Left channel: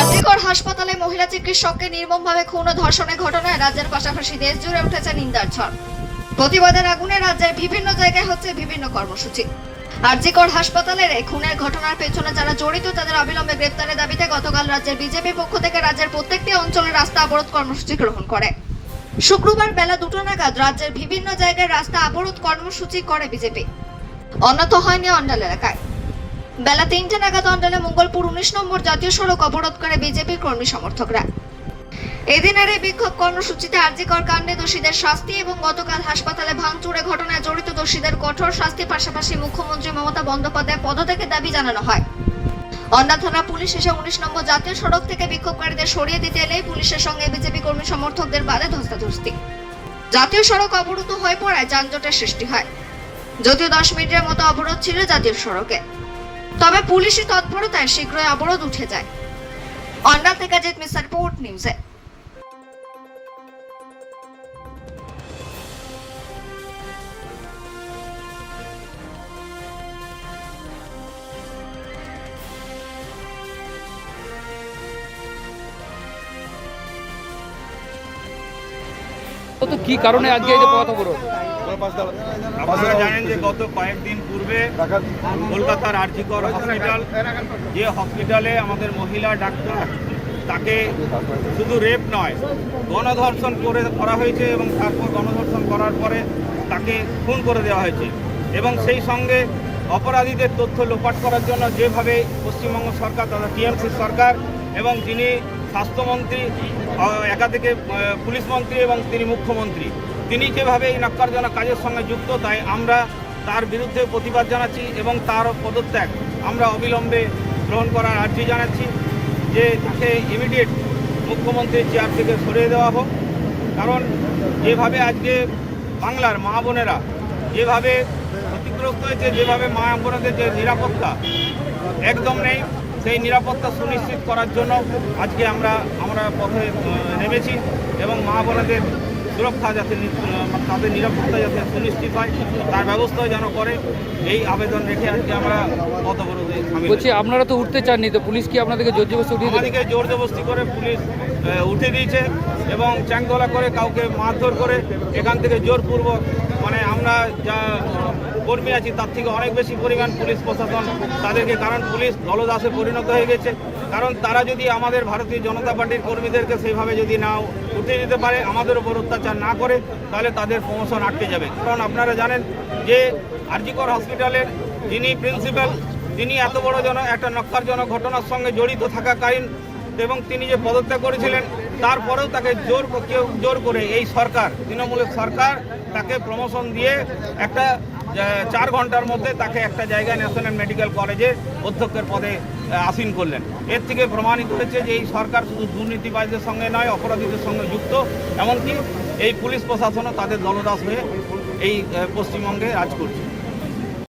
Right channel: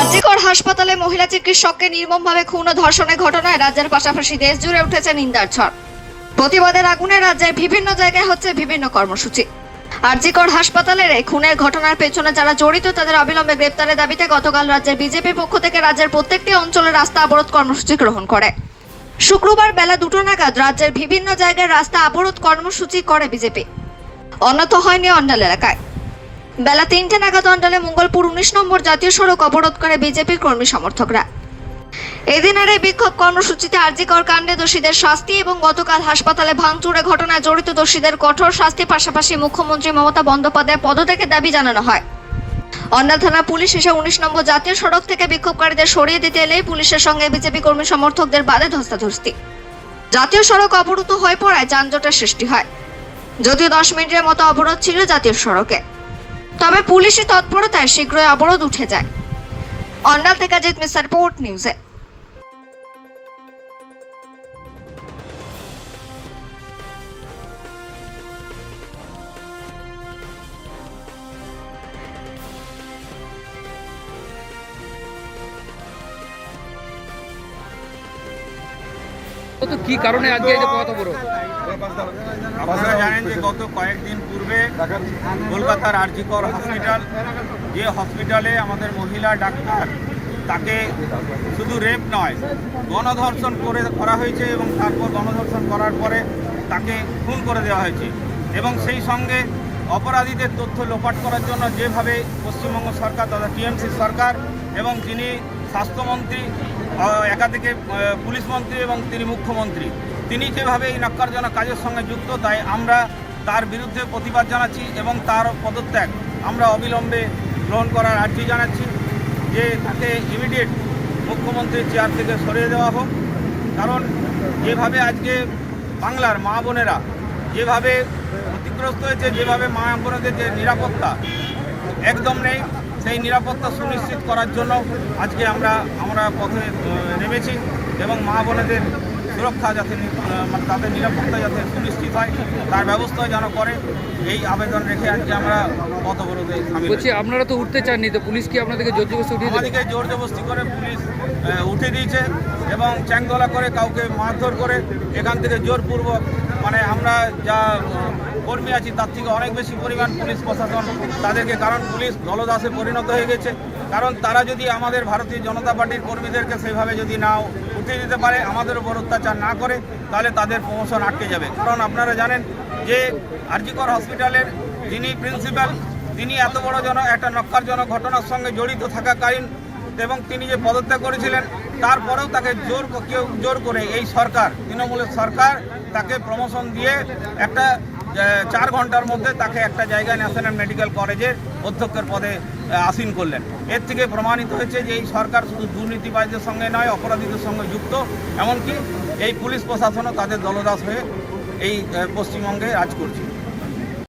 আজিকর হাসপাতালে মহিলা চিকিৎসককে নির্মমভাবে খুন ও ধর্ষণের ঘটনায় রাজ্যের পাশাপাশি দেশ জুড়ে উঠেছে নিন্দার ঝড়। প্রতিবাদের আগুনে রাজ্যের বিভিন্ন জায়গায় হচ্ছে বিভিন্ন কর্মসূচি। আরজিকর হাসপাতালের এই খুনের ঘটনার পেছনে যারা জড়িত, তাদের অবিলম্বে গ্রেপ্তারের দাবিতে গতকাল রাজ্যের বিজেপির পক্ষ থেকে রাজ্যের প্রত্যেকটি অঞ্চলে রাস্তা অবরোধ কর্মসূচি গ্রহণ করে। শুক্রবার বেলা দুটো নাগাদ রাজ্যের বিভিন্ন জায়গায় রাস্তা অবরোধ কর্মসূচি করে বিজেপি। অন্যত হয়নি অন্ডাল এলাকায়। বেলা তিনটে নাগাদ অন্ডালে মঙ্গলপুর উনিশ নম্বর জাতীয় সড়ক অবরোধ করে বিজেপির কর্মী সমর্থকরা। এদিনের এই বিক্ষোভ কর্মসূচিতে আরজিকর কাণ্ডে দোষীদের শাস্তি এবং গতকাল হাসপাতালে ভাঙচুরে ঘটনায় জড়িত দোষীদের কঠোর শাস্তির পাশাপাশি মুখ্যমন্ত্রী মমতা বন্দ্যোপাধ্যায় পদত্যাগের দাবি জানানো হয়। অন্ডাল থানা পুলিশ এসে উনিশ নম্বর জাতীয় সড়ক থেকে বিক্ষোভকারীদের সরিয়ে দিতে এলেই পুলিশের সঙ্গে বিজেপি কর্মী সমর্থকদের বাদে ধস্তাধস্তি। জাতীয় সড়ক অবরুদ্ধ হয়ে পড়ায় যানজটের সৃষ্টি হয়। যদিও দশ মিনিটের মতো অবরোধ ছিল জাতীয় সড়কে। তবে পুলিশি তৎপরতায় শীঘ্রই অবরোধ উঠে যায়। অন্যাল থেকে জিত মিস্টার রিপোর্ট নিউজে তো কি কারণে আজকে এই যে পথ আপনারা জানেন যে গত কয়েকদিন পূর্বে কলকাতার আরজিকর হসপিটাল, যে হসপিটালে আমাদের মহিলা ডাক্তার, তাকে শুধু রেপ নয়, গণধর্ষণ করে করা হয়েছে এবং তারপর গণধর্ষণ করার পরে তাকে খুন করে দেওয়া হয়েছে। এবং সেই সঙ্গে অপরাধীদের তথ্য লোপাট করার জন্য যেভাবে পশ্চিমবঙ্গ সরকার তথা টিএমসি সরকার এবং যিনি স্বাস্থ্যমন্ত্রী একাধিকে পুলিশ মন্ত্রী এবং তিনি মুখ্যমন্ত্রী। তিনি যেভাবে এই নক্কারজনক কাজের সঙ্গে যুক্ত, তাই আমরা তার বিরুদ্ধে প্রতিবাদ জানাচ্ছি এবং তার পদত্যাগ আমরা অবিলম্বে গ্রহণ করার আর্জি জানাচ্ছি যে তাকে ইমিডিয়েট মুখ্যমন্ত্রীর চেয়ার থেকে সরিয়ে দেওয়া হোক। কারণ যেভাবে আজকে বাংলার মা বোনেরা যেভাবে ক্ষতিগ্রস্ত হয়েছে, যেভাবে মা বোনেদের যে নিরাপত্তা একদম নেই। সেই নিরাপত্তা সুনিশ্চিত করার জন্য আজকে আমরা আমরা পথে নেমেছি এবং মা বোনেদের সুরক্ষা যাতে মানে তাদের নিরাপত্তা যাতে সুনিশ্চিত হয় তার ব্যবস্থা যেন করে এই আবেদন রেখে আজকে আমরা পথ অবরোধে বলছি আপনারা তো উঠতে চাননি তো পুলিশ কি আপনাদেরকে জোর জবরদস্তি উঠিয়ে আমাদেরকে জোর জবস্তি করে পুলিশ উঠে দিয়েছে এবং চ্যাংদোলা করে কাউকে মারধর করে এখান থেকে জোরপূর্বক মানে আমরা যা কর্মী আছি, তার থেকে অনেক বেশি পরিমাণ পুলিশ প্রশাসন তাদেরকে, কারণ পুলিশ দলদাসে পরিণত হয়ে গেছে। কারণ তারা যদি আমাদের ভারতীয় জনতা পার্টির কর্মীদেরকে সেইভাবে যদি না উঠিয়ে দিতে পারে, আমাদের উপর অত্যাচার না করে, তাহলে তাদের প্রমোশন আটকে যাবে। কারণ আপনারা জানেন যে আরজিকর হসপিটালের যিনি প্রিন্সিপাল তিনি এত বড় জন, একটা নক্কারজনক ঘটনার সঙ্গে জড়িত থাকাকালীন এবং তিনি যে পদত্যাগ করেছিলেন, তারপরেও তাকে জোর কেউ জোর করে এই সরকার, তৃণমূলের সরকার তাকে প্রমোশন দিয়ে একটা চার ঘণ্টার মধ্যে তাকে একটা জায়গায় ন্যাশনাল মেডিকেল কলেজে অধ্যক্ষের পদে আসীন করলেন। এর থেকে প্রমাণিত হয়েছে যে এই সরকার শুধু দুর্নীতিবাজদের সঙ্গে নয়, অপরাধীদের সঙ্গে যুক্ত। এমনকি এই পুলিশ প্রশাসনও তাদের দলদাস হয়ে এই পশ্চিমবঙ্গে রাজ করছে।